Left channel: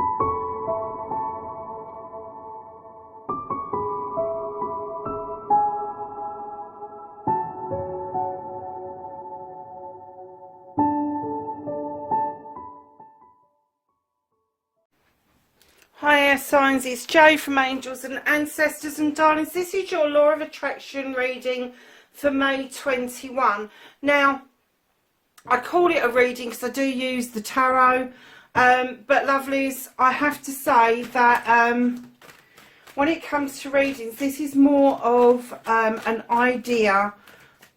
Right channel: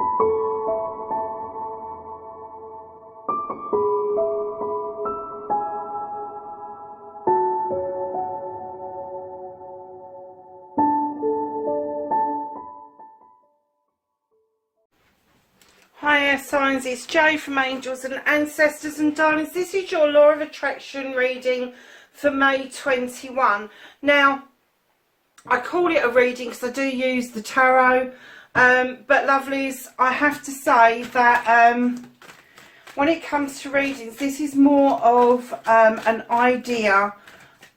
Hi air signs, it's Jo from Angels and Ancestors and Darlings. This is your Law of Attraction reading for May 21. Now, I call it a reading because I do use the tarot, but lovelies, I have to say that when it comes to readings, this is more of an idea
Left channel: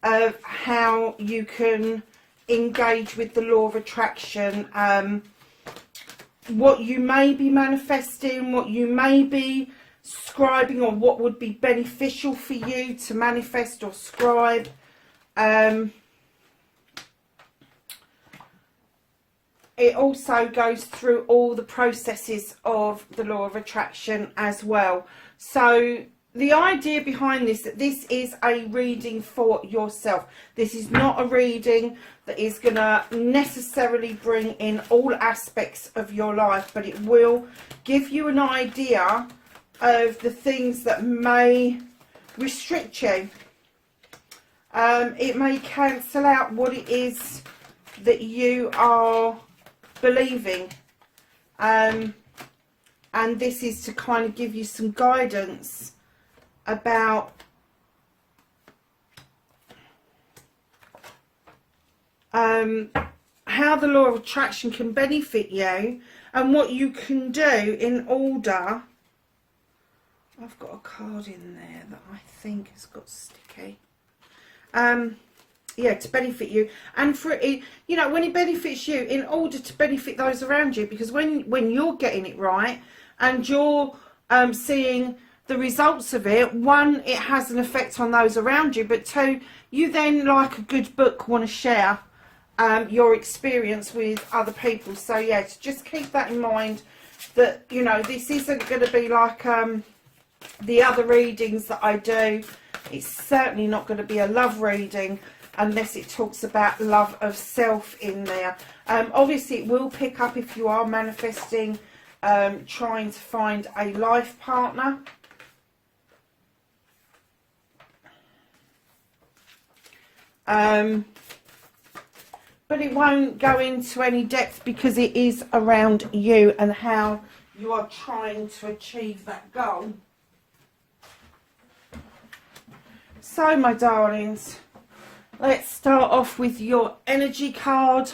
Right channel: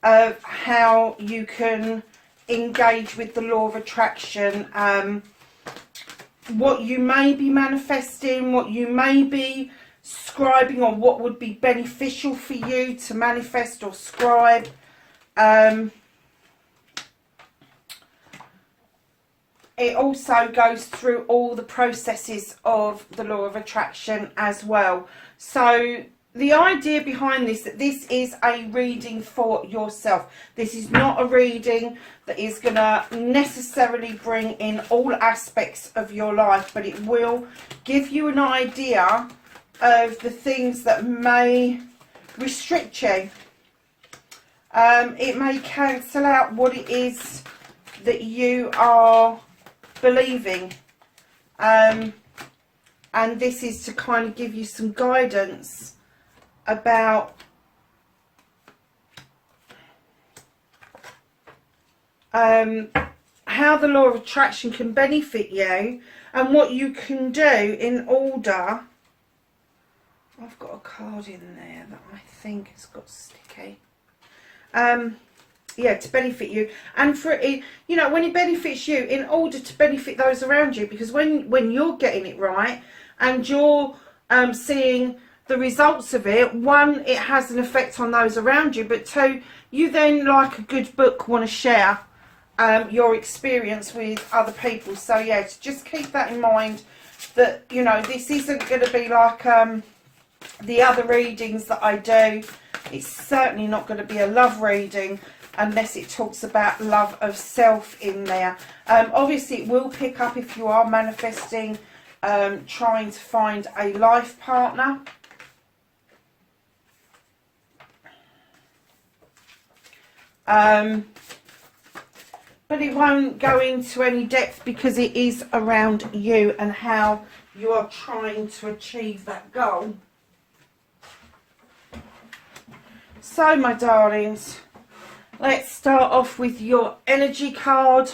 of how you can engage with the Law of Attraction, what you may be manifesting, what you may be scribing, or what would be beneficial for you to manifest or scribe. It also goes through all the processes of the Law of Attraction as well. So the idea behind this, that this is a reading for yourself. This is not a reading that is going to necessarily bring in all aspects of your life, but it will give you an idea of the things that may restrict you. It may cancel out what it is that you are believing. And this is to kind of give you some guidance about how the Law of Attraction can benefit you and what you can do in order. I've got a card in there that I think has got sticky. Yeah, to benefit you, and for it, you know, when it benefits you, in order to benefit those around you, because when you're getting it right and you're seeing the results of it, one, it has an effect on those around you, but two, you then, like a good book, want to share your experience with other people. So yeah, to just keep that in mind, that, you know, this isn't going to be like the other readings that I do. It's certainly not going to be a love reading unless it talks about love of self in there. Obviously it will pick up if you are manifesting, trying to find a life partner. But it won't go into any depth because it is around you and how you are trying to achieve that goal. So my darlings, let's start off with your energy card.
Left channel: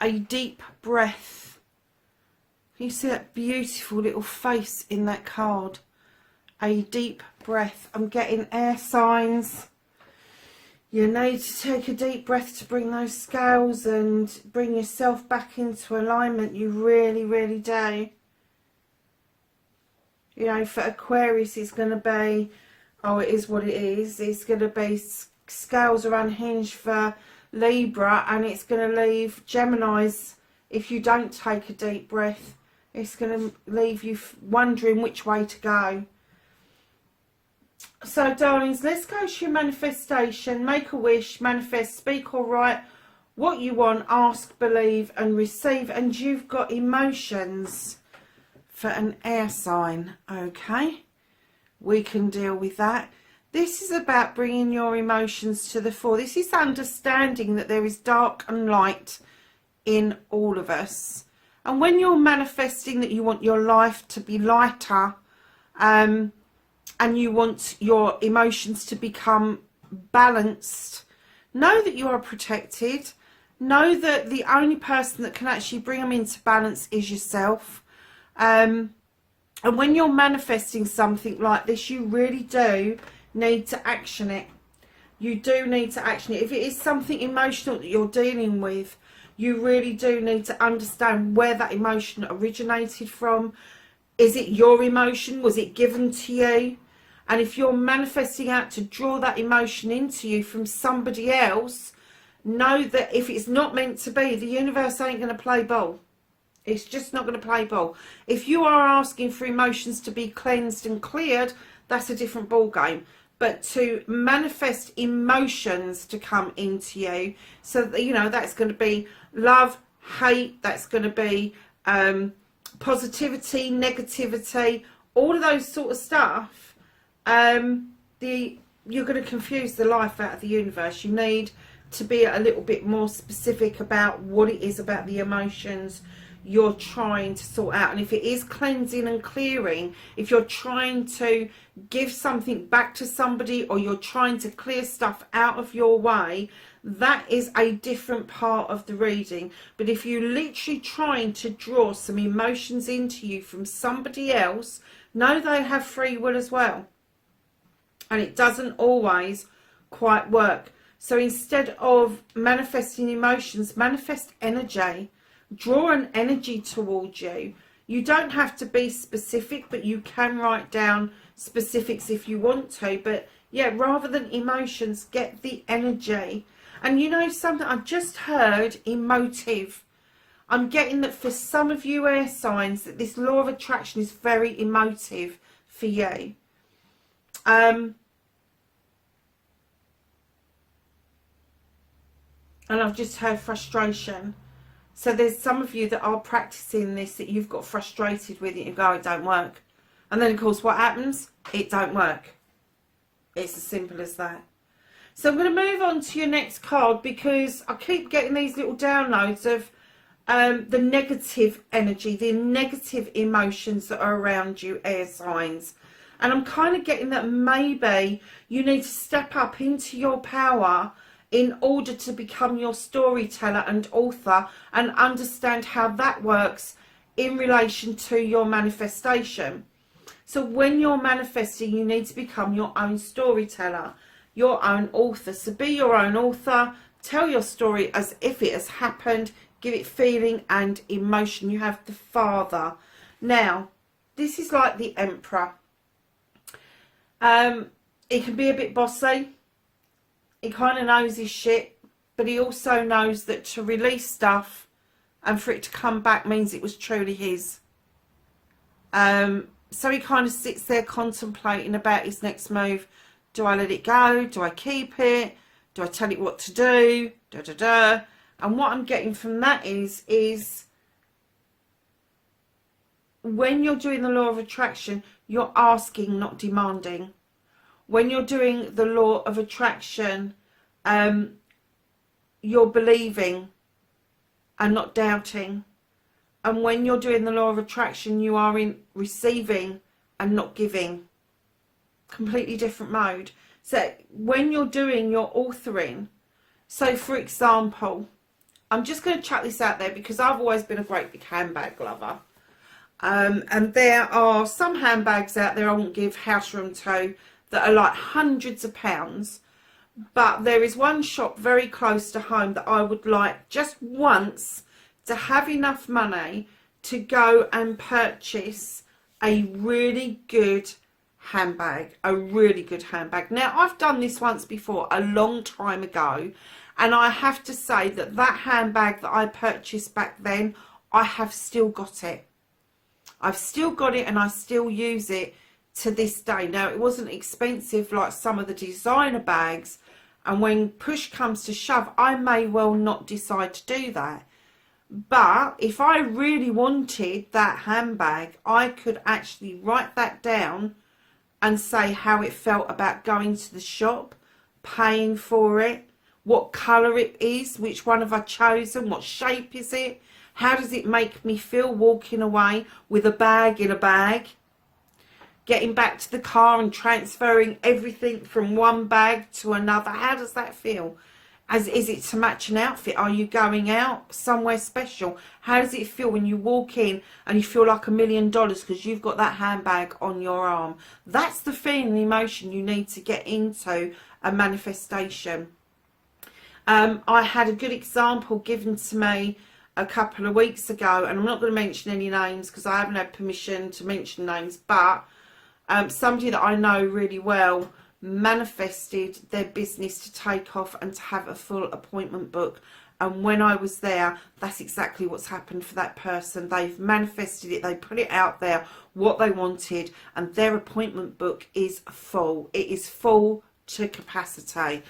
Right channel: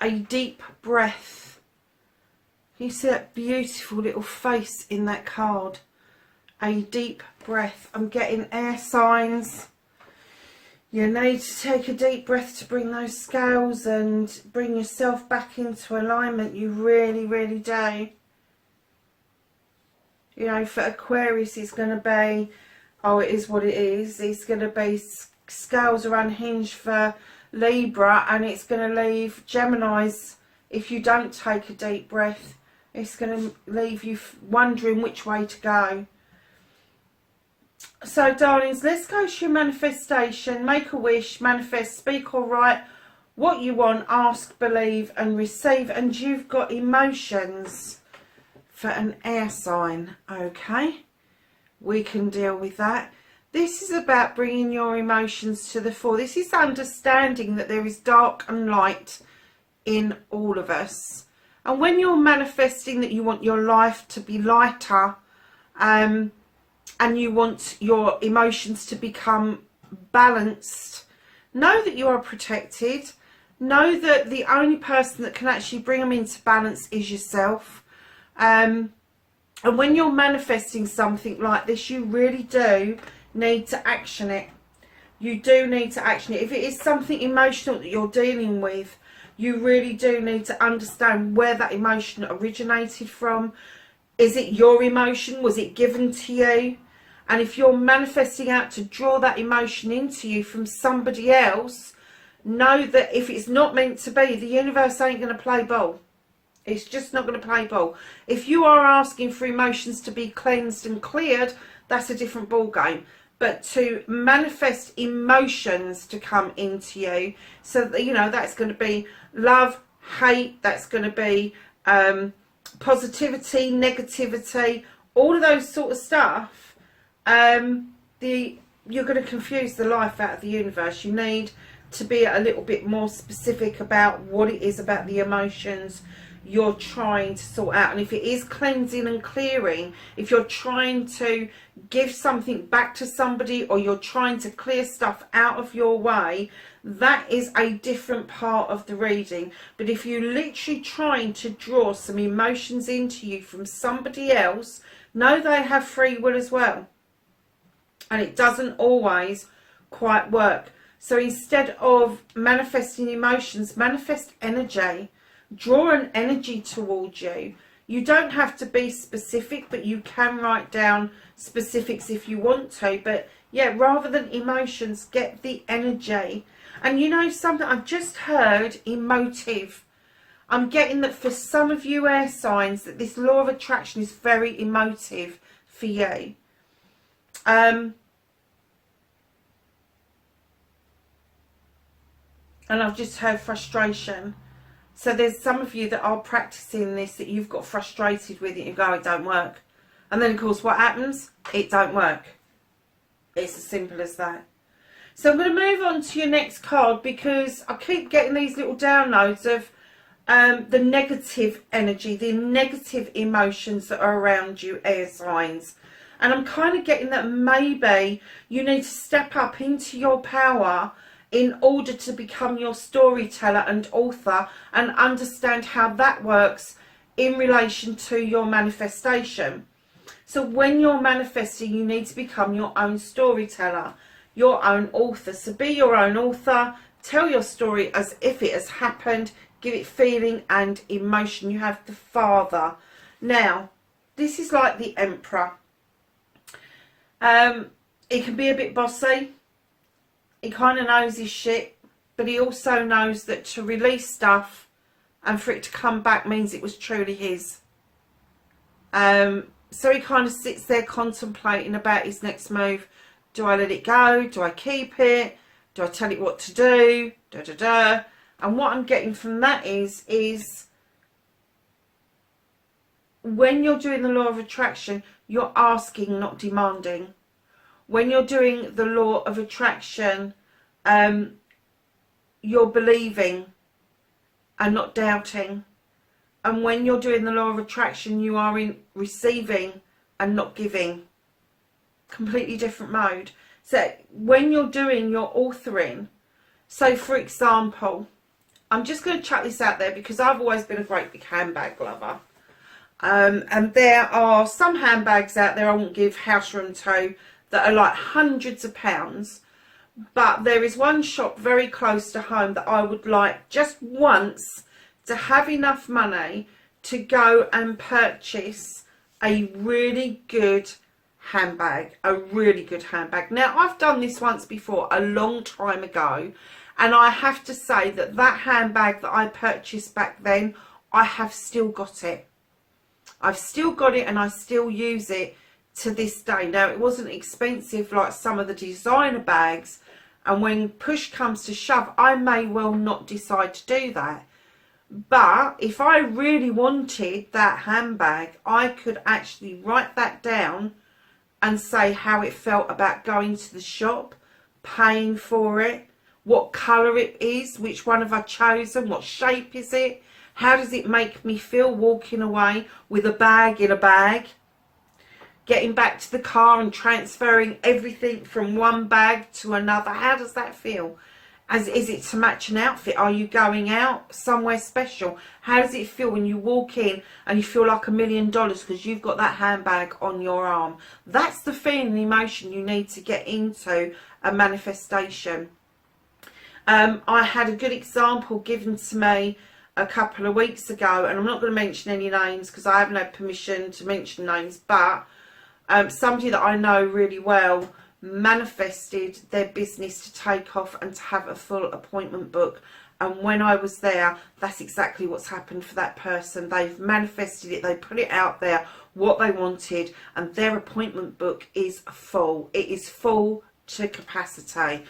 A deep breath. Can you see that beautiful little face in that card? A deep breath. I'm getting air signs. You need to take a deep breath to bring those scales and bring yourself back into alignment. You really, really do. You know, for Aquarius, it's going to be, oh, it is what it is. It's going to be scales are unhinged for Libra, and it's going to leave Geminis, if you don't take a deep breath, it's going to leave you wondering which way to go. So, darlings, let's go to your manifestation. Make a wish, manifest, speak or write what you want, ask, believe and receive. And you've got emotions for an air sign, okay? We can deal with that. This is about bringing your emotions to the fore. This is understanding that there is dark and light in all of us. And when you're manifesting that you want your life to be lighter, and you want your emotions to become balanced, know that you are protected. Know that the only person that can actually bring them into balance is yourself. And when you're manifesting something like this, you really do need to action it. You do need to action it. If it is something emotional that you're dealing with, you really do need to understand where that emotion originated from. Is it your emotion? Was it given to you? And if you're manifesting out to draw that emotion into you from somebody else, know that if it's not meant to be, the universe ain't going to play ball. It's just not going to play ball. If you are asking for emotions to be cleansed and cleared, that's a different ball game. But to manifest emotions to come into you, so that, you know, that's going to be love, hate, that's going to be positivity, negativity, all of those sort of stuff. You're going to confuse the life out of the universe. You need to be a little bit more specific about what it is about the emotions you're trying to sort out. And if it is cleansing and clearing, if you're trying to give something back to somebody, or you're trying to clear stuff out of your way, that is a different part of the reading. But if you're literally trying to draw some emotions into you from somebody else, know they have free will as well, and it doesn't always quite work. So instead of manifesting emotions, manifest energy. Draw an energy towards you. You don't have to be specific, but you can write down specifics if you want to. But yeah, rather than emotions, get the energy. And you know something, I've just heard emotive. I'm getting that for some of you air signs, that this law of attraction is very emotive for you. And I've just heard frustration. So there's some of you that are practicing this, that you've got frustrated with it. You go, it don't work. And then, of course, what happens? It don't work. It's as simple as that. So I'm going to move on to your next card, because I keep getting these little downloads of the negative energy, the negative emotions that are around you, air signs. And I'm kind of getting that maybe you need to step up into your power in order to become your storyteller and author, and understand how that works in relation to your manifestation. So when you're manifesting, you need to become your own storyteller, your own author. So be your own author, tell your story as if it has happened, give it feeling and emotion. You have the Father. Now, this is like the Emperor. He can be a bit bossy. He kind of knows his shit, but he also knows that to release stuff and for it to come back means it was truly his. So he kind of sits there contemplating about his next move. Do I let it go? Do I keep it? Do I tell it what to do? Da, da, da. And what I'm getting from that is when you're doing the law of attraction, you're asking, not demanding. When you're doing the law of attraction, you're believing and not doubting. And when you're doing the law of attraction, you are in receiving and not giving. Completely different mode. So when you're doing your authoring, so for example, I'm just going to chuck this out there because I've always been a great big handbag lover. And there are some handbags out there I won't give house room to, that are like hundreds of pounds, but there is one shop very close to home that I would like just once to have enough money to go and purchase a really good handbag, a really good handbag. Now, I've done this once before, a long time ago, and I have to say that that handbag that I purchased back then, I have still got it. I've still got it and I still use it to this day. Now, it wasn't expensive like some of the designer bags, and when push comes to shove, I may well not decide to do that. But if I really wanted that handbag, I could actually write that down and say how it felt about going to the shop, paying for it, what colour it is, which one have I chosen, what shape is it, how does it make me feel walking away with a bag in a bag, getting back to the car and transferring everything from one bag to another. How does that feel? Is it to match an outfit? Are you going out somewhere special? How does it feel when you walk in and you feel like $1 million because you've got that handbag on your arm? That's the feeling and emotion you need to get into a manifestation. I had a good example given to me a couple of weeks ago, and I'm not going to mention any names because I haven't had permission to mention names, but somebody that I know really well manifested their business to take off and to have a full appointment book. And when I was there, that's exactly what's happened for that person. They've manifested it, they put it out there, what they wanted, and their appointment book is full. It is full to capacity.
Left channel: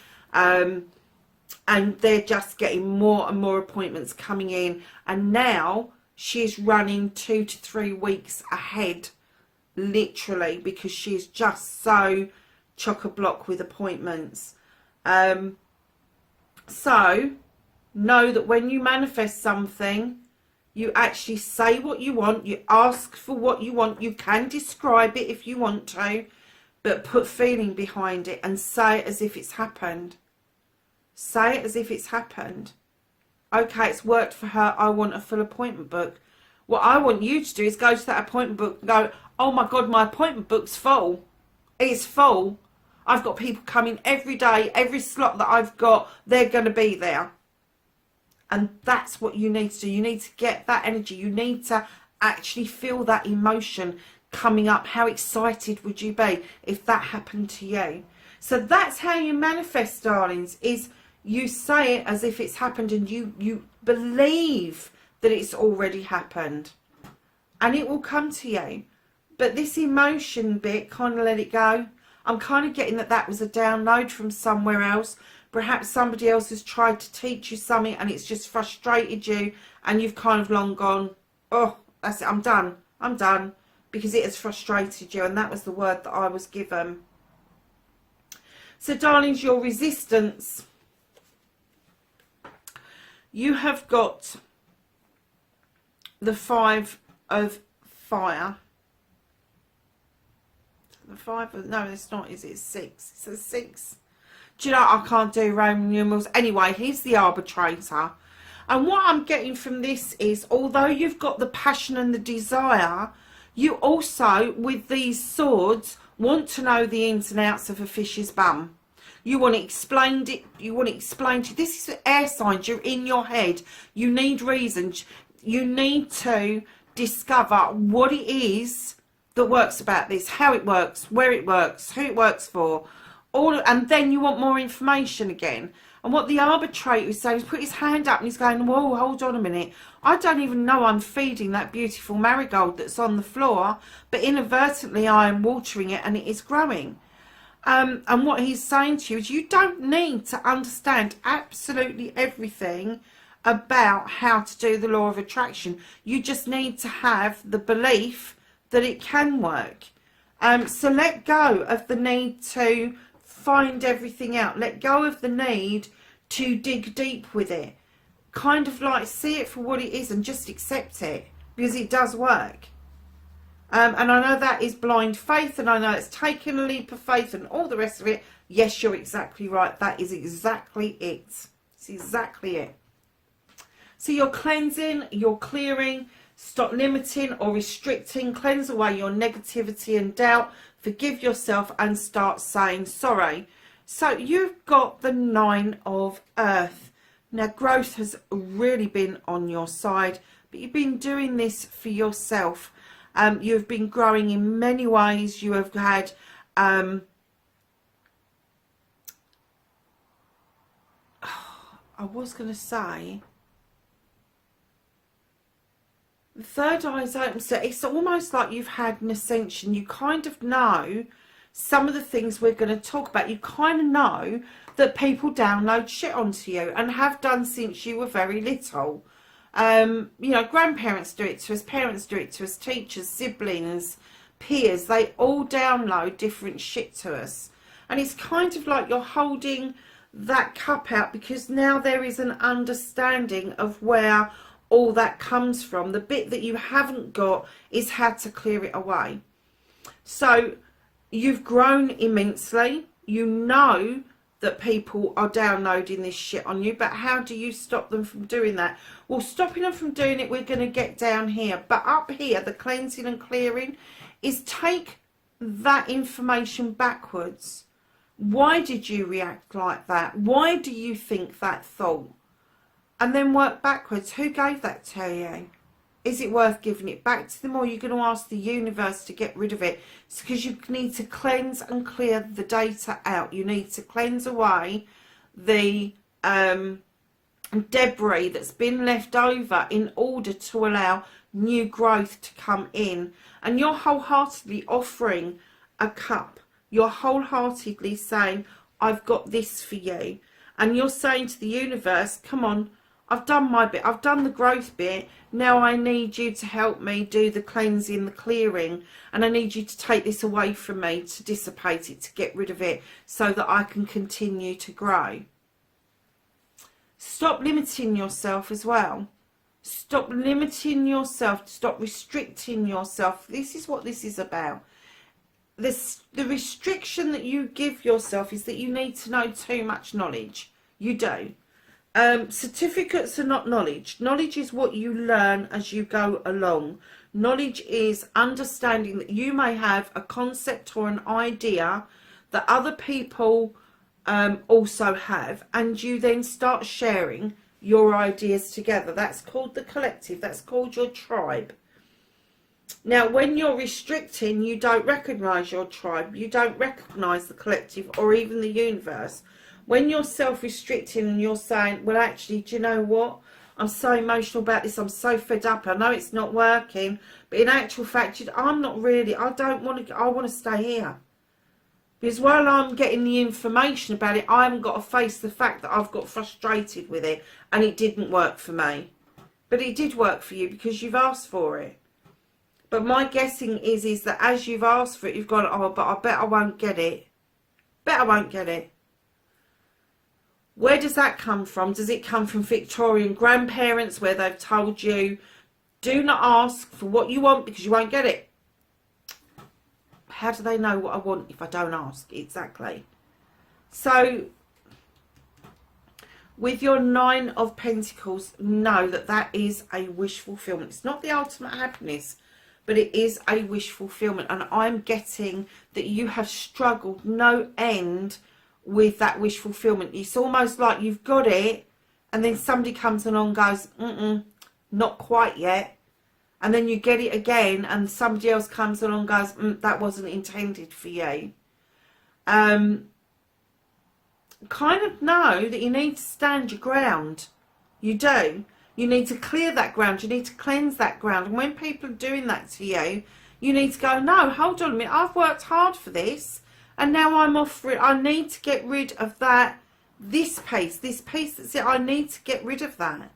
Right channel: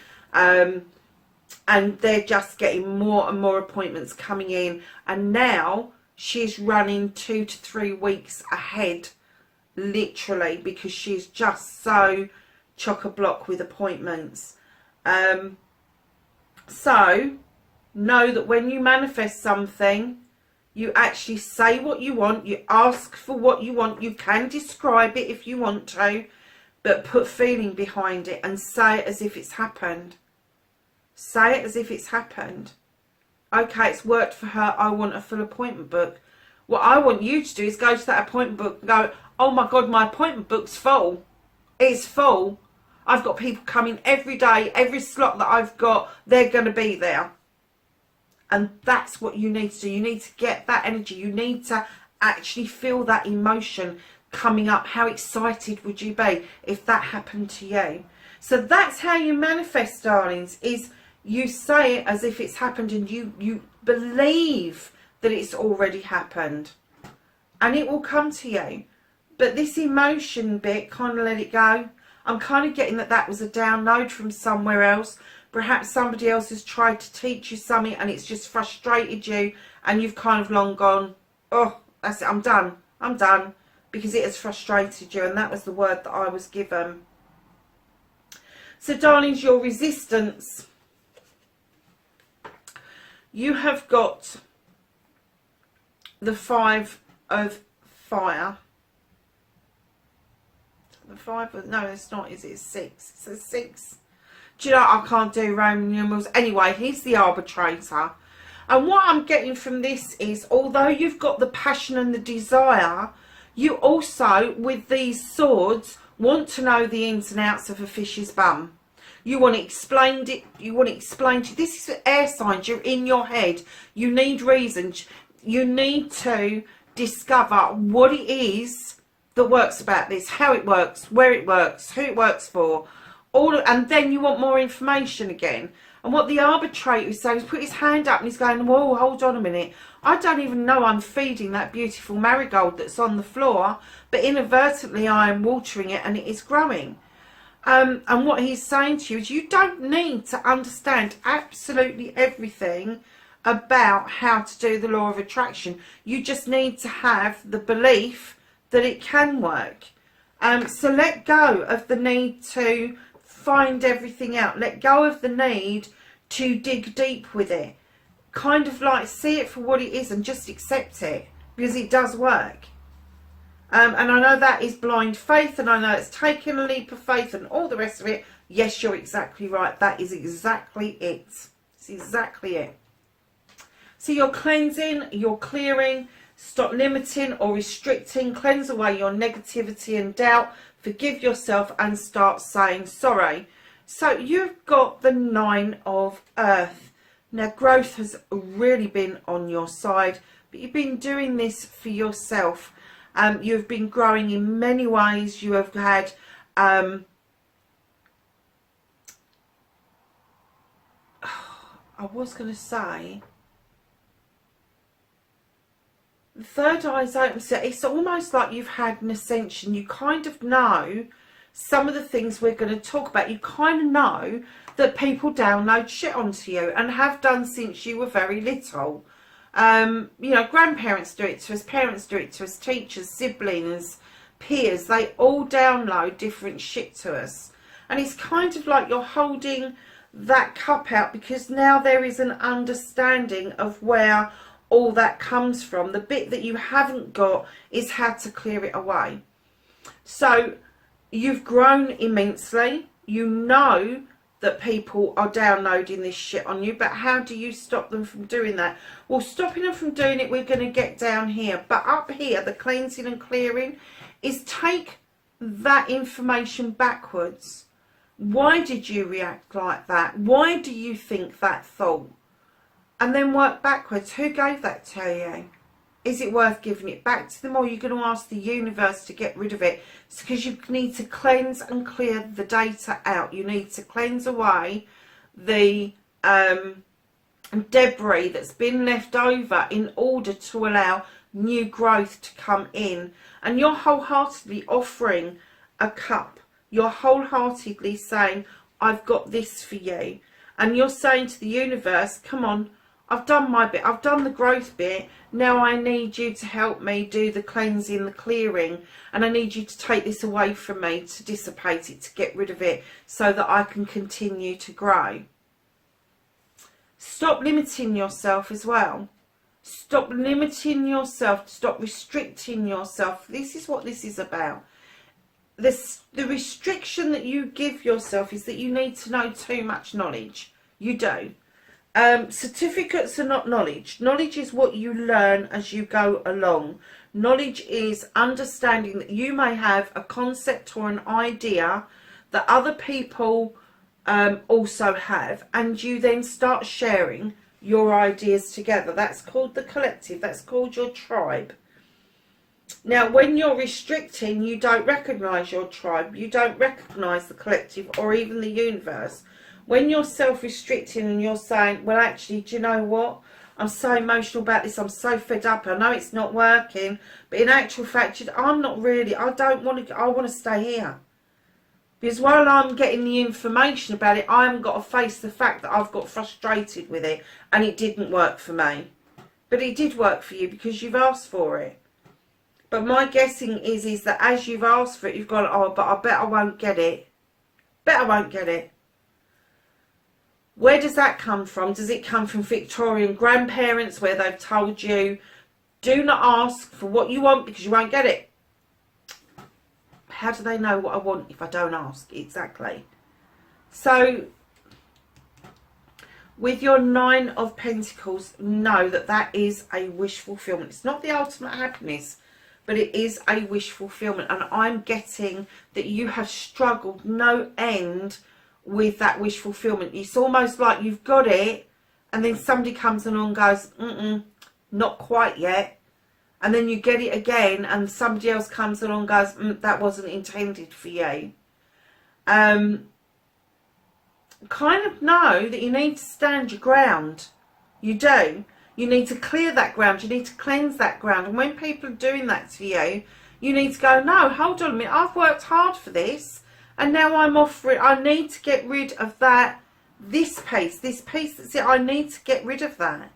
and they're just getting more and more appointments coming in, and now she's running 2 to 3 weeks ahead, literally, because she's just so chock-a-block with appointments. So know that when you manifest something, you actually say what you want, you ask for what you want, you can describe it if you want to, but put feeling behind it and say it as if it's happened. Say it as if it's happened. Okay, it's worked for her, I want a full appointment book. What I want you to do is go to that appointment book and go, oh my God, my appointment book's full. It's full. I've got people coming every day, every slot that I've got, they're going to be there. And that's what you need to do. You need to get that energy. You need to actually feel that emotion coming up. How excited would you be if that happened to you? So that's how you manifest, darlings, is you say it as if it's happened, and you believe that it's already happened, and it will come to you. But this emotion bit, kind of let it go. I'm kind of getting that was a download from somewhere else. Perhaps somebody else has tried to teach you something and it's just frustrated you, and you've kind of long gone, oh, that's it, I'm done, because it has frustrated you, and that was the word that I was given. So, darlings, your resistance, you have got the 5 of fire. The 5 of, no, it's not, is it? It's 6. It's a 6. Do you know, I can't do Roman numerals. Anyway, he's the arbitrator. And what I'm getting from this is, although you've got the passion and the desire, you also, with these swords, want to know the ins and outs of a fish's bum. You want it explained. This is air signs. You're in your head. You need reasons. You need to discover what it is that works about this, how it works, where it works, who it works for. And then you want more information again. And what the arbitrator is saying is, put his hand up and he's going, whoa, hold on a minute. I don't even know I'm feeding that beautiful marigold that's on the floor, but inadvertently I am watering it and it is growing. And what he's saying to you is, you don't need to understand absolutely everything about how to do the law of attraction. You just need to have the belief that it can work. So let go of the need to find everything out. Let go of the need to dig deep with it. Kind of like see it for what it is and just accept it, because it does work. And I know that is blind faith, and I know it's taking a leap of faith and all the rest of it. Yes, you're exactly right. That is exactly it. It's exactly it. So you're cleansing, you're clearing, stop limiting or restricting, cleanse away your negativity and doubt, forgive yourself and start saying sorry. So you've got the 9 of Earth. Now growth has really been on your side, but you've been doing this for yourself. You've been growing in many ways. You have had I was going to say, the third eye's open, so it's almost like you've had an ascension. You kind of know some of the things we're going to talk about. You kind of know that people download shit onto you and have done since you were very little. You know, grandparents do it to us, parents do it to us, teachers, siblings, peers. They all download different shit to us. And it's kind of like you're holding that cup out, because now there is an understanding of where all that comes from. The bit that you haven't got is how to clear it away. So you've grown immensely. You know that people are downloading this shit on you, but how do you stop them from doing that? Well, stopping them from doing it, we're going to get down here. But up here, the cleansing and clearing is take that information backwards. Why did you react like that? Why do you think that thought? And then work backwards. Who gave that to you? Is it worth giving it back to them, or are you going to ask the universe to get rid of it? It's because you need to cleanse and clear the data out. You need to cleanse away the debris that's been left over in order to allow new growth to come in. And you're wholeheartedly offering a cup. You're wholeheartedly saying, I've got this for you. And you're saying to the universe, come on, I've done my bit, I've done the growth bit, now I need you to help me do the cleansing, the clearing, and I need you to take this away from me, to dissipate it, to get rid of it, so that I can continue to grow. Stop limiting yourself as well. Stop limiting yourself, stop restricting yourself. This is what this is about. The restriction that you give yourself is that you need to know too much knowledge. You do. Certificates are not knowledge. Knowledge is what you learn as you go along. Knowledge is understanding that you may have a concept or an idea that other people also have, and you then start sharing your ideas together. That's called the collective. That's called your tribe. Now, when you're restricting, you don't recognise your tribe. You don't recognise the collective or even the universe. When you're self-restricting and you're saying, well, actually, do you know what? I'm so emotional about this. I'm so fed up. I know it's not working. But in actual fact, I'm not really. I don't want to. I want to stay here. Because while I'm getting the information about it, I haven't got to face the fact that I've got frustrated with it and it didn't work for me. But it did work for you because you've asked for it. But my guessing is that as you've asked for it, you've gone, oh, but I bet I won't get it. Bet I won't get it. Where does that come from? Does it come from Victorian grandparents where they've told you, do not ask for what you want because you won't get it? How do they know what I want if I don't ask? Exactly. So, with your Nine of Pentacles, know that that is a wish fulfillment. It's not the ultimate happiness, but it is a wish fulfillment. And I'm getting that you have struggled no end with that wish fulfillment. It's almost like you've got it, and then somebody comes along and goes, not quite yet. And then you get it again, and somebody else comes along and goes, that wasn't intended for you. Kind of know that you need to stand your ground. You do. You need to clear that ground. You need to cleanse that ground. And when people are doing that to you, you need to go, no, hold on a minute. I've worked hard for this, and now I'm off for it. I need to get rid of that, this piece that's it. I need to get rid of that.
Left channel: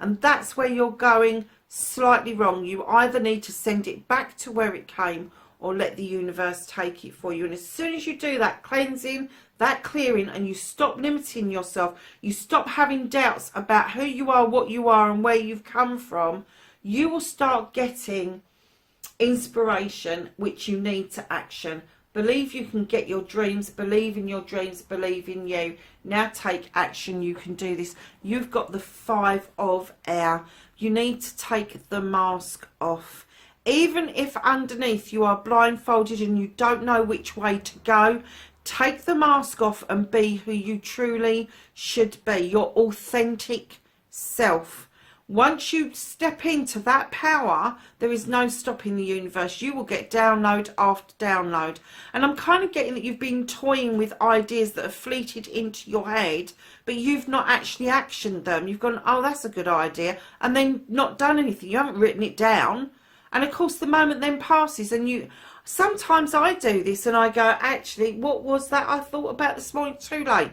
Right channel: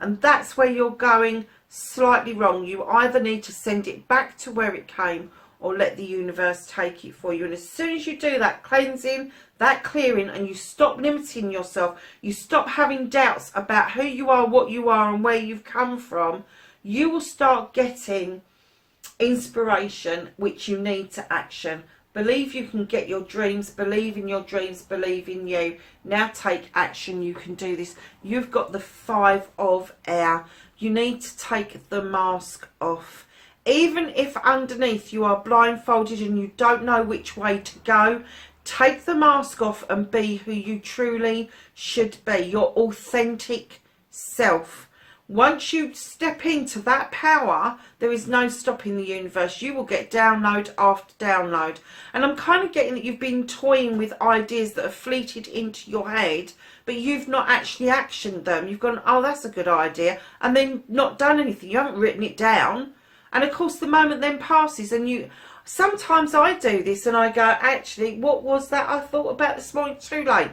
And that's where you're going slightly wrong. You either need to send it back to where it came or let the universe take it for you. And as soon as you do that cleansing, that clearing, and you stop limiting yourself, you stop having doubts about who you are, what you are, and where you've come from, you will start getting inspiration which you need to action. Believe you can get your dreams. Believe in your dreams. Believe in you. Now take action. You can do this. You've got the 5 of Air. You need to take the mask off. Even if underneath you are blindfolded and you don't know which way to go, take the mask off and be who you truly should be. Your authentic self. Once you step into that power, there is no stopping the universe. You will get download after download. And I'm kind of getting that you've been toying with ideas that have fleeted into your head, but you've not actually actioned them. You've gone, oh, that's a good idea, and then not done anything. You haven't written it down. And of course, the moment then passes, and you... Sometimes I do this and I go, actually, what was that I thought about this morning? Too late.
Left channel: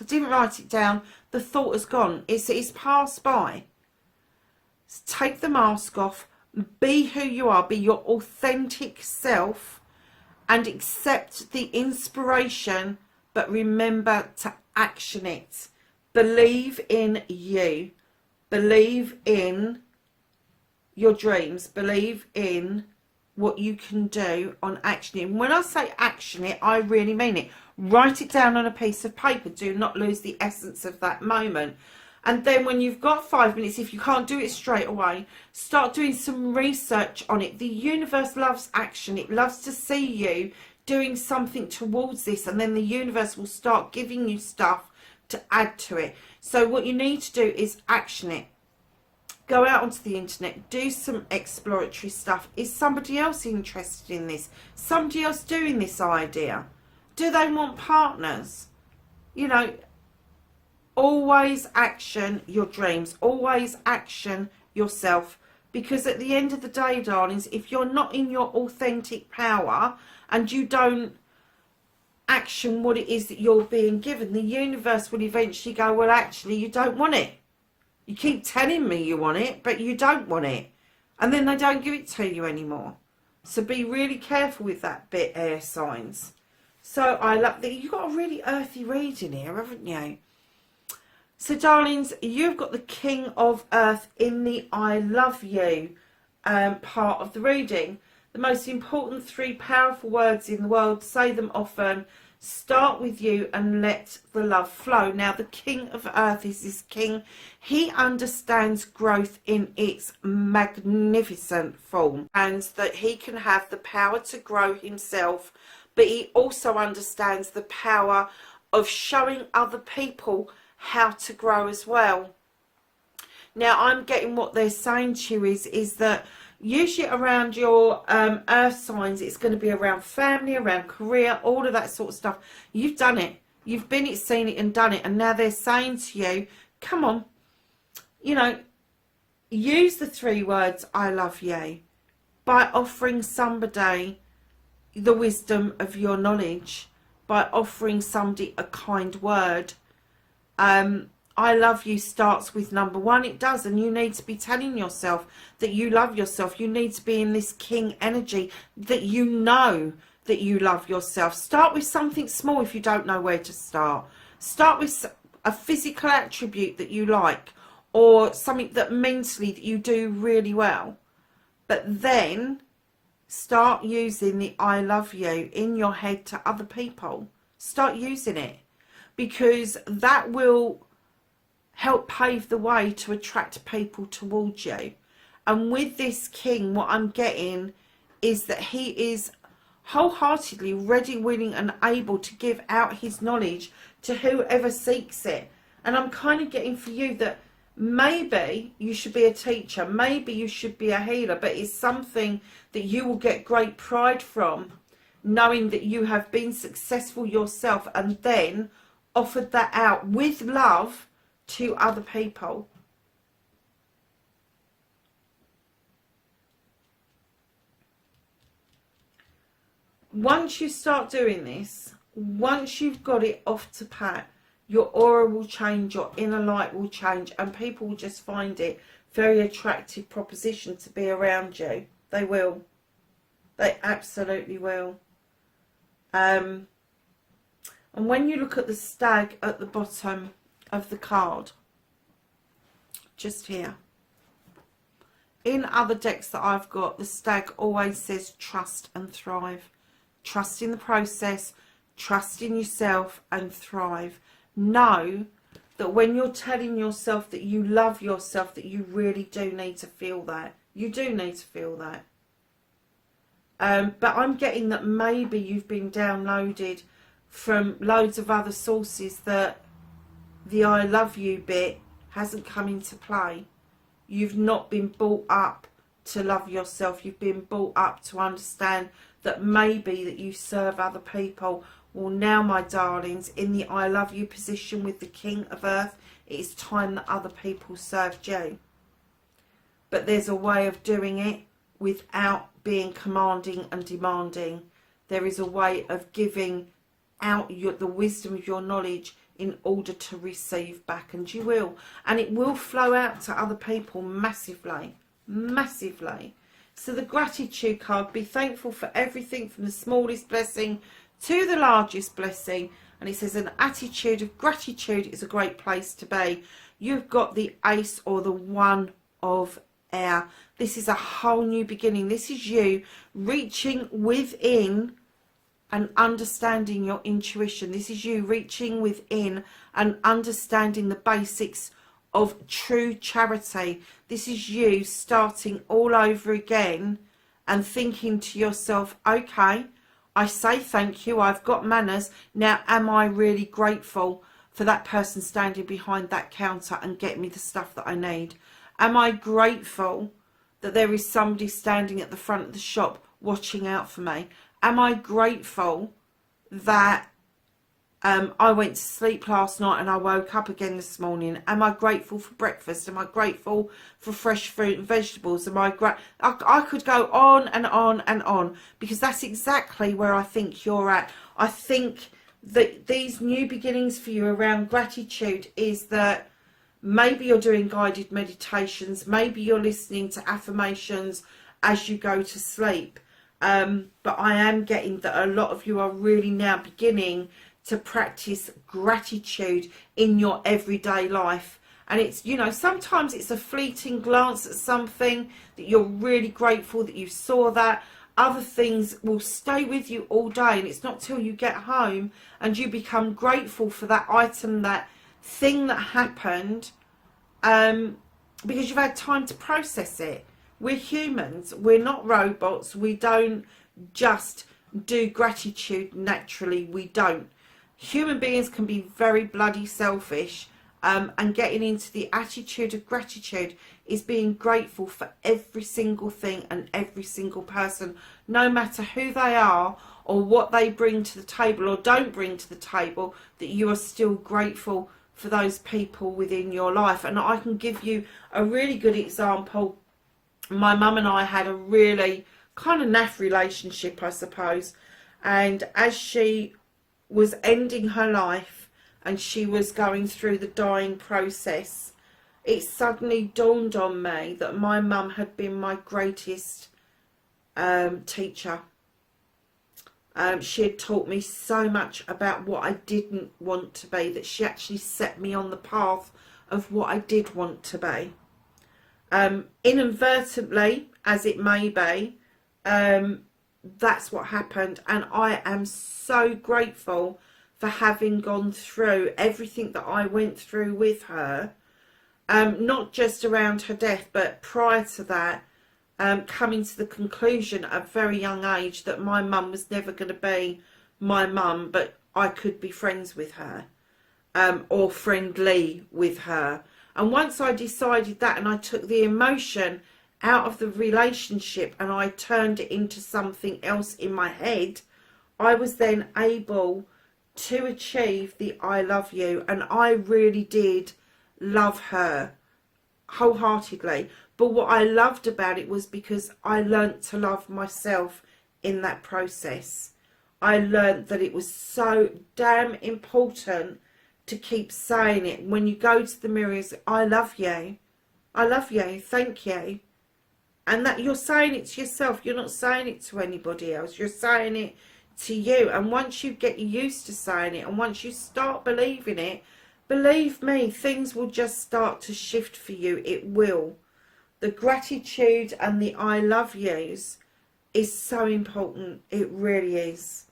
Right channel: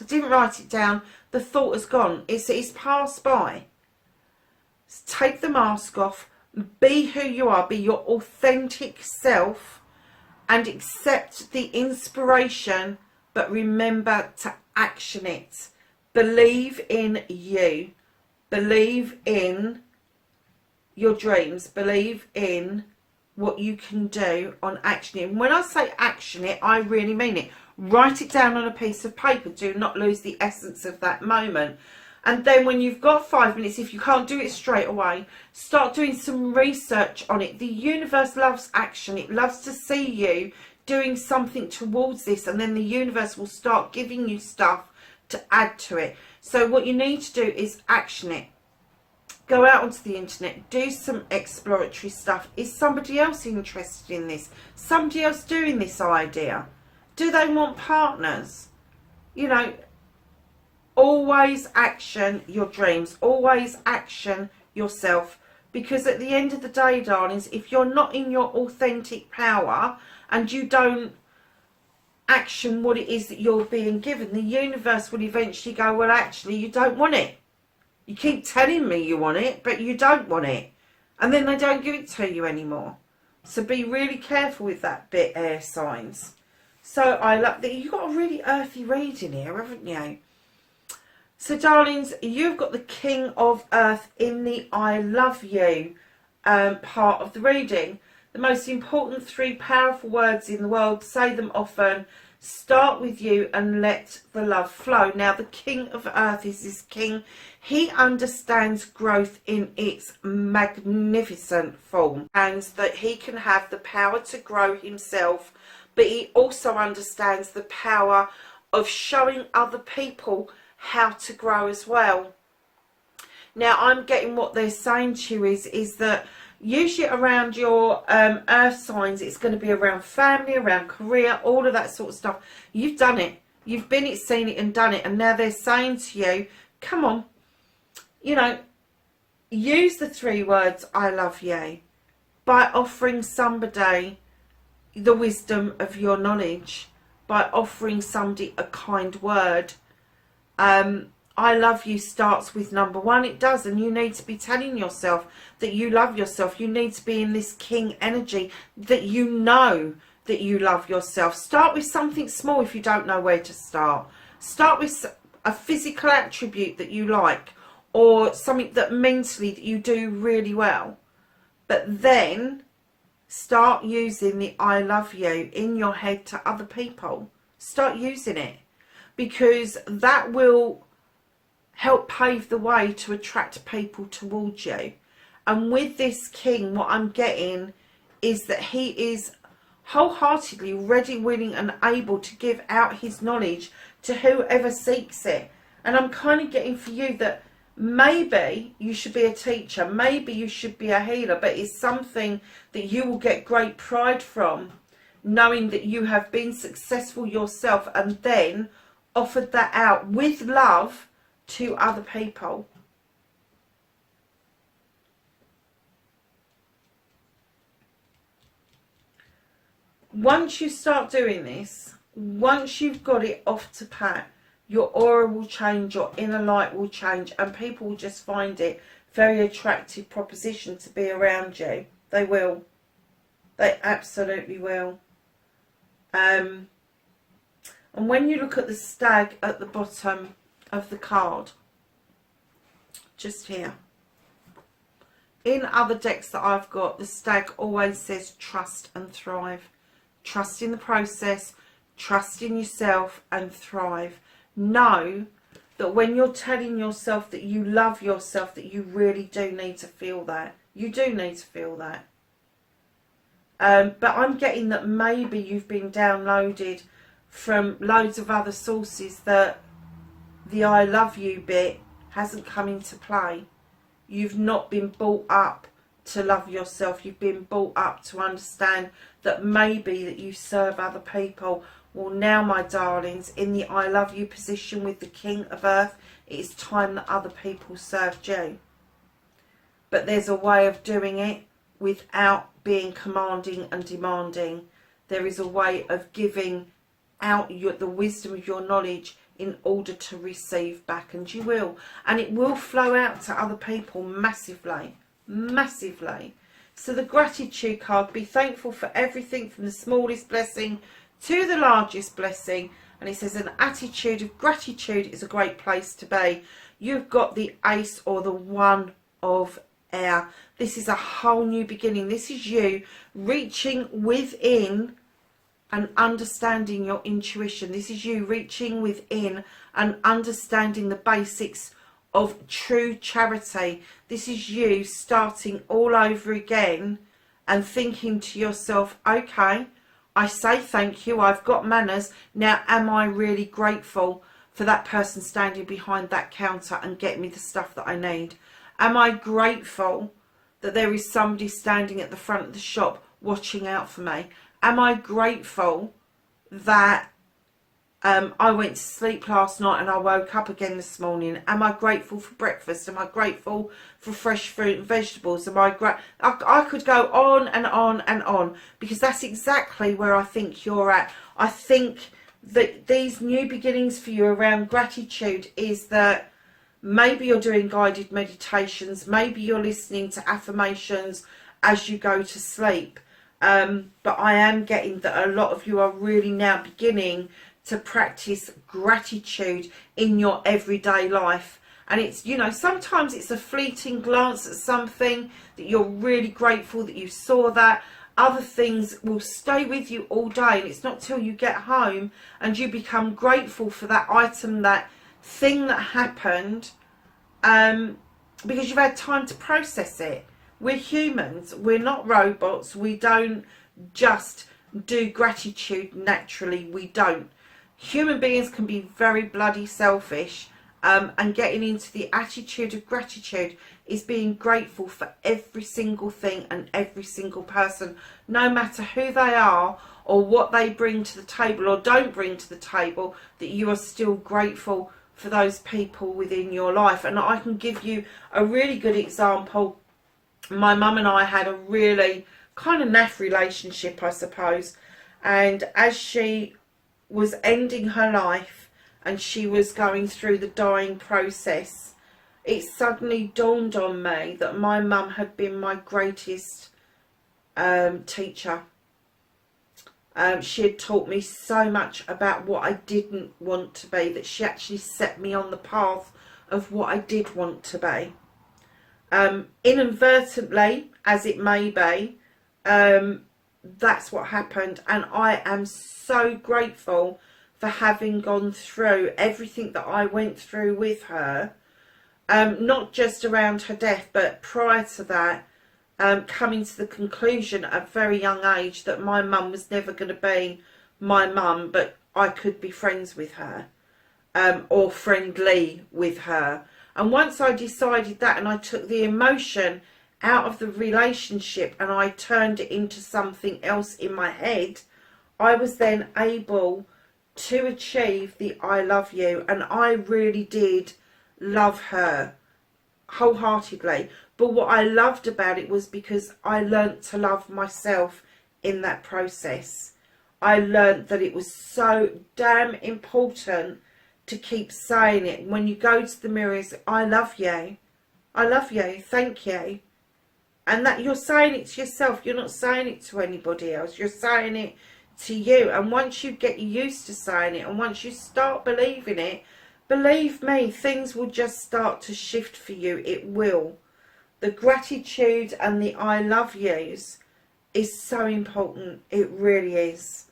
I didn't write it down. The thought has gone. It's passed by. Take the mask off, be who you are, be your authentic self, and accept the inspiration, but remember to action it. Believe in you. Believe in your dreams. Believe in what you can do on action it. And when I say action it, I really mean it. Write it down on a piece of paper. Do not lose the essence of that moment. And then when you've got 5 minutes, if you can't do it straight away, start doing some research on it. The universe loves action. It loves to see you doing something towards this, and then the universe will start giving you stuff to add to it. So what you need to do is action it. Go out onto the internet, do some exploratory stuff. Is somebody else interested in this? Somebody else doing this idea? Do they want partners? You know, always action your dreams. Always action yourself. Because at the end of the day, darlings, if you're not in your authentic power and you don't action what it is that you're being given, the universe will eventually go, well, actually, you don't want it. You keep telling me you want it, but you don't want it. And then they don't give it to you anymore. So be really careful with that bit, air signs. So I love that you've got a really earthy reading here, haven't you? So, darlings, you've got the King of Earth in the I love you part of the reading. The most important 3 powerful words in the world, say them often, start with you and let the love flow. Now, the King of Earth is this king. He understands growth in its magnificent form, and that he can have the power to grow himself, but he also understands the power of showing other people how to grow as well. Now, I'm getting what they're saying to you is that usually around your earth signs, it's going to be around family, around career, all of that sort of stuff. You've done it. You've been it, seen it and done it. And now they're saying to you, come on, you know, use the 3 words, I love you, by offering somebody the wisdom of your knowledge, by offering somebody a kind word. I love you starts with number 1. It does. And you need to be telling yourself that you love yourself. You need to be in this king energy, that you know that you love yourself. Start with something small if you don't know where to start. Start with a physical attribute that you like, or something that mentally that you do really well. But then start using the I love you in your head to other people. Start using it, because that will help pave the way to attract people towards you. And with this king, what I'm getting is that he is wholeheartedly ready, willing and able to give out his knowledge to whoever seeks it. And I'm kind of getting for you that maybe you should be a teacher, maybe you should be a healer, but it's something that you will get great pride from, knowing that you have been successful yourself and then offered that out with love to other people. Once you start doing this, once you've got it off to pat, your aura will change, your inner light will change, and people will just find it very attractive proposition to be around you. They will. They absolutely will. And when you look at the stag at the bottom of the card, just here, in other decks that I've got, the stag always says trust and thrive. Trust in the process, trust in yourself and thrive. Know that when you're telling yourself that you love yourself, that you really do need to feel that. You do need to feel that. But I'm getting that maybe you've been downloaded from loads of other sources that the I love you bit hasn't come into play. You've not been brought up to love yourself. You've been brought up to understand that maybe that you serve other people. Well, now, my darlings, in the I love you position with the King of Earth, it is time that other people served you. But there's a way of doing it without being commanding and demanding. There is a way of giving out the wisdom of your knowledge in order to receive back, and you will. And it will flow out to other people massively, massively. So the gratitude card, be thankful for everything from the smallest blessing to the largest blessing. And it says an attitude of gratitude is a great place to be. You've got the ace or the 1 of air. This is a whole new beginning. This is you reaching within and understanding your intuition. This is you reaching within and understanding the basics of true charity. This is you starting all over again and thinking to yourself, okay, I say thank you, I've got manners. Now, am I really grateful for that person standing behind that counter and getting me the stuff that I need? Am I grateful that there is somebody standing at the front of the shop watching out for me? Am I grateful that I went to sleep last night and I woke up again this morning? Am I grateful for breakfast? Am I grateful for fresh fruit and vegetables? Am I I could go on and on and on, because that's exactly where I think you're at. I think these new beginnings for you around gratitude is that maybe you're doing guided meditations, maybe you're listening to affirmations as you go to sleep. But I am getting that a lot of you are really now beginning to practice gratitude in your everyday life. And it's, you know, sometimes it's a fleeting glance at something that you're really grateful that you saw that. Other things will stay with you all day, and it's not till you get home and you become grateful for that item, that thing that happened, because you've had time to process it. We're humans, we're not robots. We don't just do gratitude naturally, we don't. Human beings can be very bloody selfish, and getting into the attitude of gratitude is being grateful for every single thing and every single person, no matter who they are or what they bring to the table or don't bring to the table, that you are still grateful for those people within your life. And I can give you a really good example. My mum and I had a really kind of naff relationship, I suppose, and as she was ending her life and she was going through the dying process, it suddenly dawned on me that my mum had been my greatest teacher. She had taught me so much about what I didn't want to be, that she actually set me on the path of what I did want to be. Inadvertently, as it may be, that's what happened, and I am so grateful for having gone through everything that I went through with her, not just around her death, but prior to that, coming to the conclusion at a very young age that my mum was never going to be my mum, but I could be friends with her, or friendly with her. And once I decided that, and I took the emotion out of the relationship and I turned it into something else in my head, I was then able to achieve the I love you. And I really did love her wholeheartedly. But what I loved about it was because I learnt to love myself in that process. I learnt that it was so damn important to keep saying it. When you go to the mirror, it's, I love you. I love you. Thank you. And that you're saying it to yourself. You're not saying it to anybody else. You're saying it to you. And once you get used to saying it, and once you start believing it, believe me, things will just start to shift for you. It will. The gratitude and the I love yous is so important. It really is.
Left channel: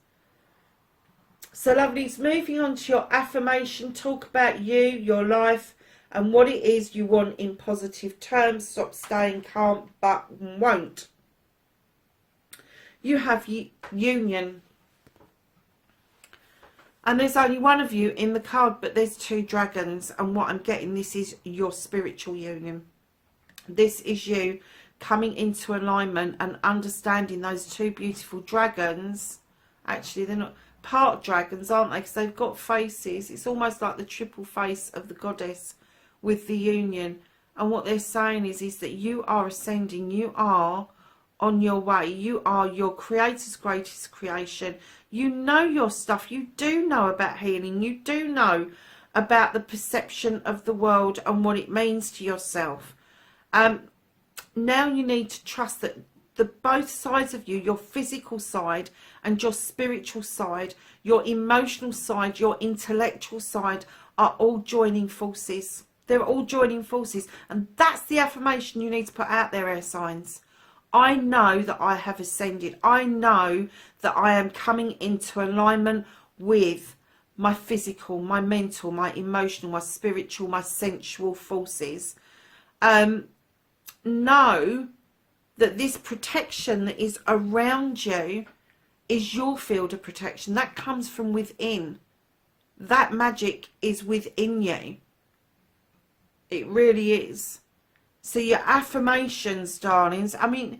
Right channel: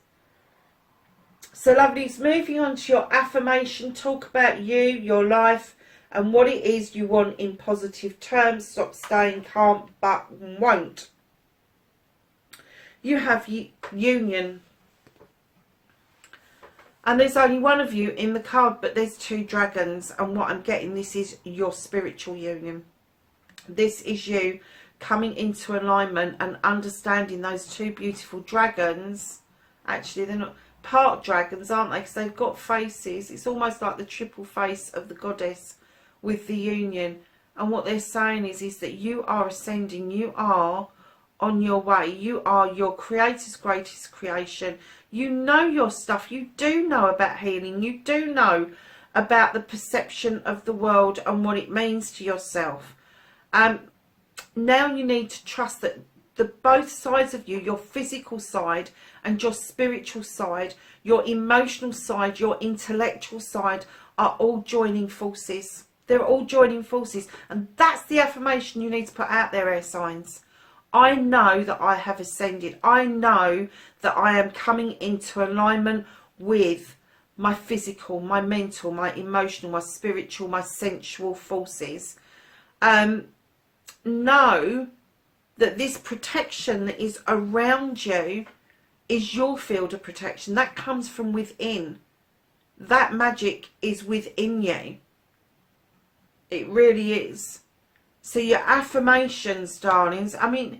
So lovelies, moving on to your affirmation. Talk about you, your life, and what it is you want in positive terms. Stop staying calm, but won't. You have union. And there's only one of you in the card, but there's two dragons. And what I'm getting, this is your spiritual union. This is you coming into alignment and understanding those two beautiful dragons. Actually, they're not part dragons, aren't they? Because they've got faces. It's almost like the triple face of the goddess with the union. And what they're saying is that you are ascending. You are on your way. You are your creator's greatest creation. You know your stuff. You do know about healing. You do know about the perception of the world and what it means to yourself. Now you need to trust that both sides of you, your physical side and your spiritual side, your emotional side, your intellectual side, are all joining forces. They're all joining forces. And that's the affirmation you need to put out there, air signs. I know that I have ascended. I know that I am coming into alignment with my physical, my mental, my emotional, my spiritual, my sensual forces. Know that this protection that is around you is your field of protection. That comes from within. That magic is within you. It really is. So your affirmations, darlings. I mean,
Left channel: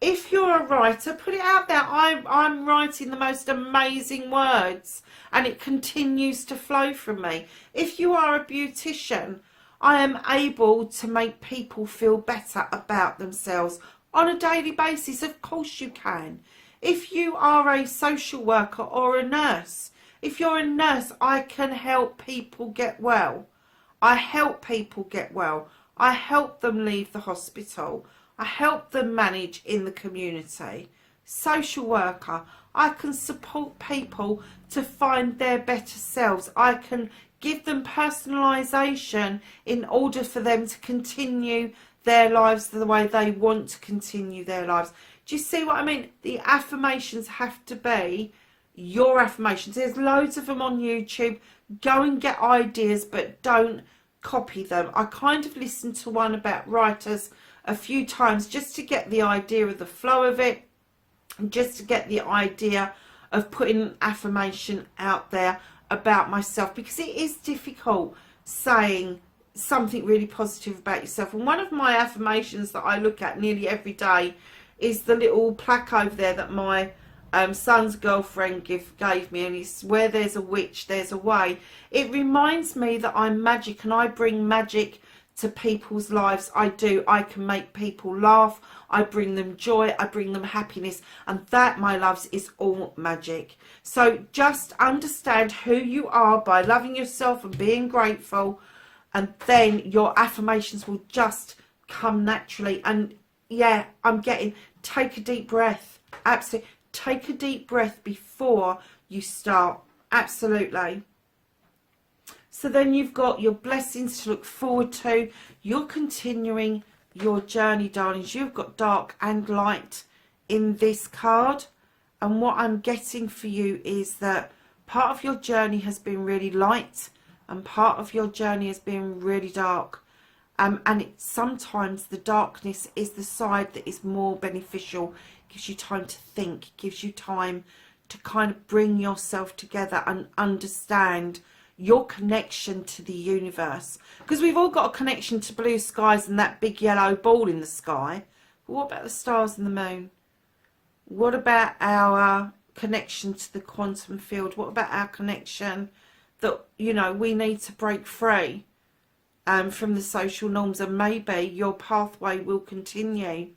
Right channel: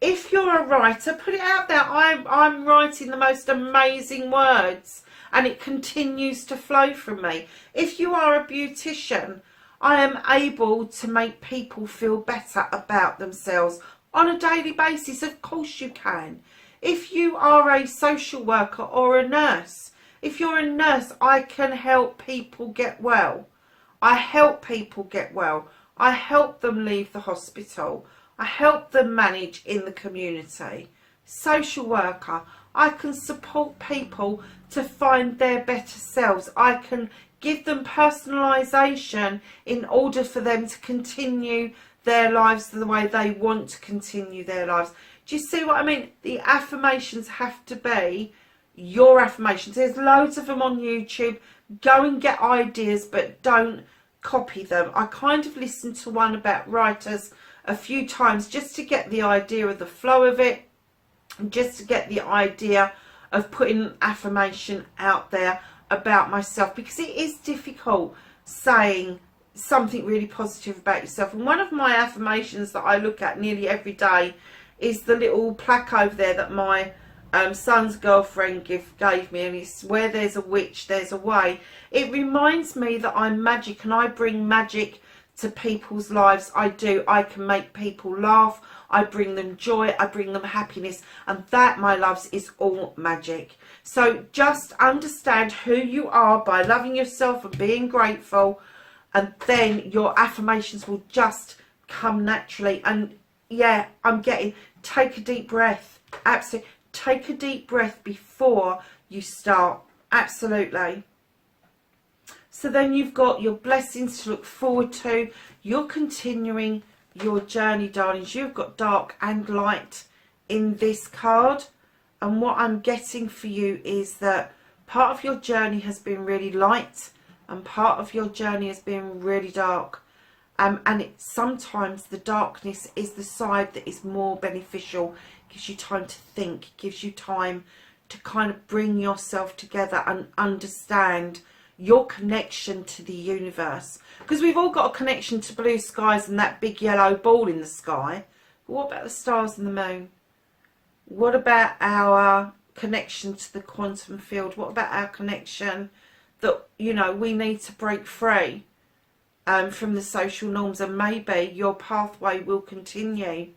if you're a writer, put it out there. I'm writing the most amazing words and it continues to flow from me. If you are a beautician, I am able to make people feel better about themselves on a daily basis. Of course you can. If you are a social worker or a nurse, If you're a nurse, I can help people get well. I help people get well. I help them leave the hospital. I help them manage in the community. Social worker, I can support people to find their better selves. I can give them personalisation in order for them to continue their lives the way they want to continue their lives. Do you see what I mean? The affirmations have to be your affirmations. There's loads of them on YouTube. Go and get ideas, but don't copy them. I kind of listened to one about writers a few times just to get the idea of the flow of it, and just to get the idea of putting an affirmation out there about myself, because it is difficult saying something really positive about yourself. And one of my affirmations that I look at nearly every day is the little plaque over there that my son's girlfriend gave me, and it's where there's a witch, there's a way. It reminds me that I'm magic and I bring magic to people's lives. I do. I can make people laugh. I bring them joy. I bring them happiness. And that, my loves, is all magic. So just understand who you are by loving yourself and being grateful. And then your affirmations will just come naturally. And yeah, take a deep breath. Absolutely. Take a deep breath before you start. Absolutely. So then you've got your blessings to look forward to. You're continuing your journey, darlings. You've got dark and light in this card. And what I'm getting for you is that part of your journey has been really light and part of your journey has been really dark. And sometimes the darkness is the side that is more beneficial. Gives you time to think, gives you time to kind of bring yourself together and understand your connection to the universe. Because we've all got a connection to blue skies and that big yellow ball in the sky. But what about the stars and the moon? What about our connection to the quantum field? What about our connection that, you know, we need to break free from the social norms, and maybe your pathway will continue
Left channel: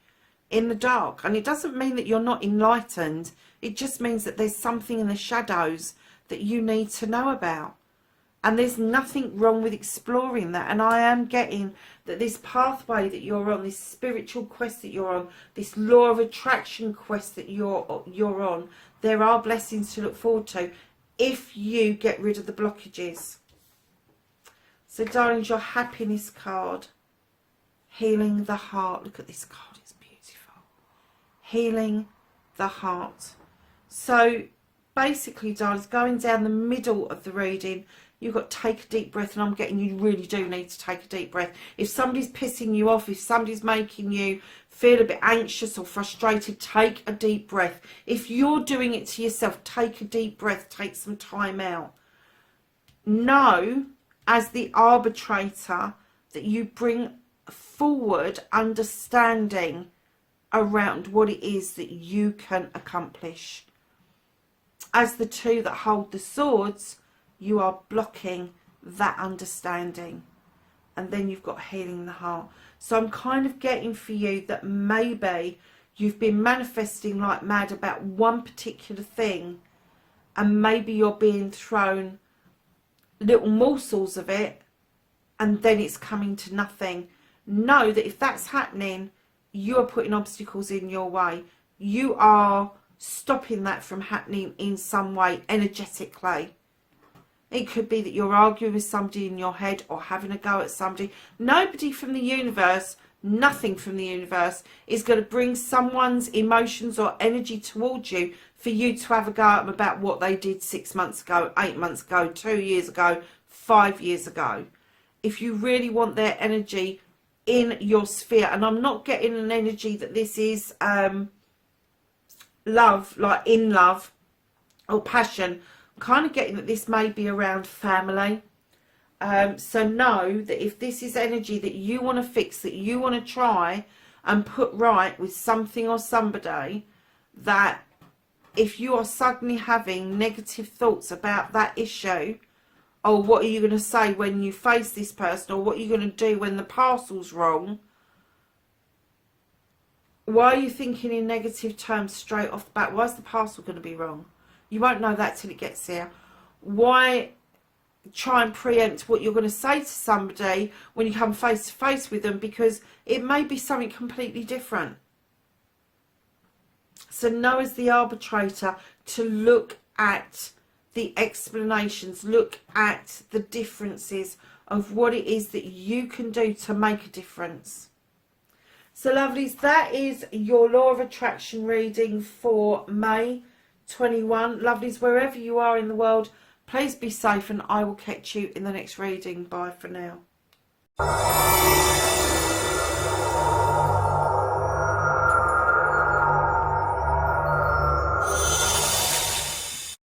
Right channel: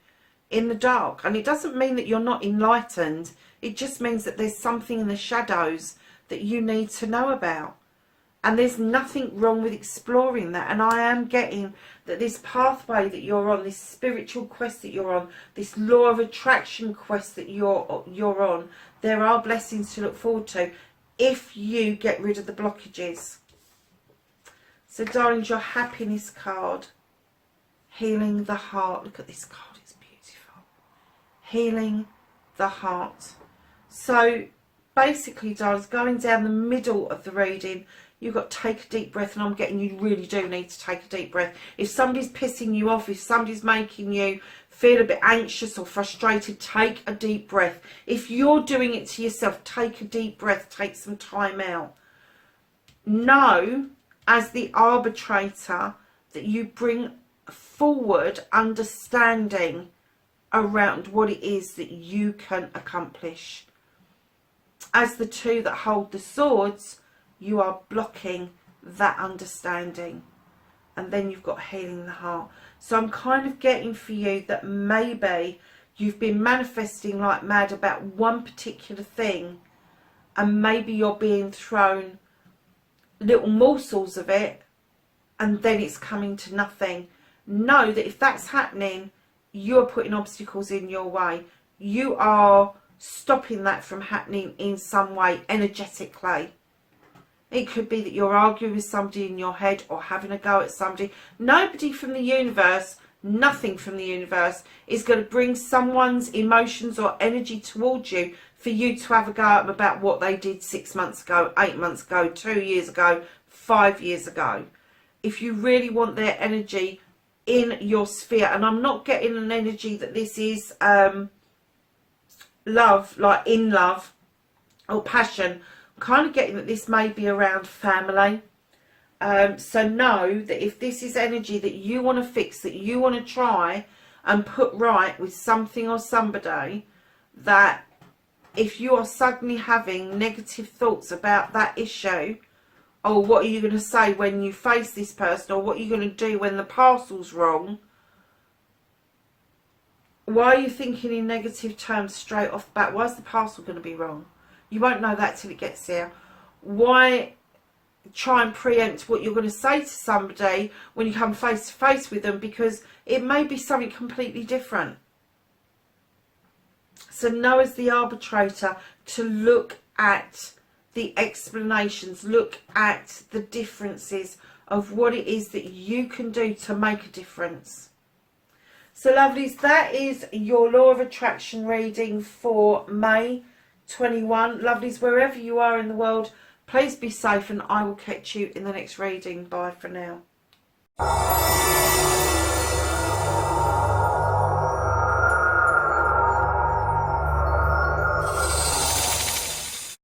in the dark. And it doesn't mean that you're not enlightened. It just means that there's something in the shadows that you need to know about. And there's nothing wrong with exploring that. And I am getting that this pathway that you're on, this spiritual quest that you're on, this law of attraction quest that you're on, there are blessings to look forward to if you get rid of the blockages. So, darlings, your happiness card, healing the heart. Look at this card, it's beautiful. Healing the heart. So, basically, darlings, going down the middle of the reading, you've got take a deep breath, and I'm getting you really do need to take a deep breath. If somebody's pissing you off, if somebody's making you feel a bit anxious or frustrated, take a deep breath. If you're doing it to yourself, take a deep breath, take some time out. Know, as the arbitrator, that you bring forward understanding around what it is that you can accomplish. As the two that hold the swords, you are blocking that understanding. And then you've got healing the heart. So I'm kind of getting for you that maybe you've been manifesting like mad about one particular thing, and maybe you're being thrown little morsels of it, and then it's coming to nothing. Know that if that's happening, you're putting obstacles in your way. You are stopping that from happening in some way energetically. It could be that you're arguing with somebody in your head or having a go at somebody. Nobody from the universe, nothing from the universe is going to bring someone's emotions or energy towards you for you to have a go at them about what they did 6 months ago, 8 months ago, 2 years ago, 5 years ago. If you really want their energy in your sphere, and I'm not getting an energy that this is love, like in love or passion. I'm kind of getting that this may be around family. So know that if this is energy that you want to fix, that you want to try and put right with something or somebody, that if you are suddenly having negative thoughts about that issue, or what are you going to say when you face this person, or what are you going to do when the parcel's wrong, why are you thinking in negative terms straight off the bat? Why is the parcel going to be wrong? You won't know that till it gets here. why try and preempt what you're going to say to somebody when you come face to face with them, because it may be something completely different. So know as the arbitrator to look at the explanations, look at the differences of what it is that you can do to make a difference. So lovelies, that is your law of attraction reading for May 21. Lovelies, wherever you are in the world, please be safe, and I will catch you in the next reading. Bye for now.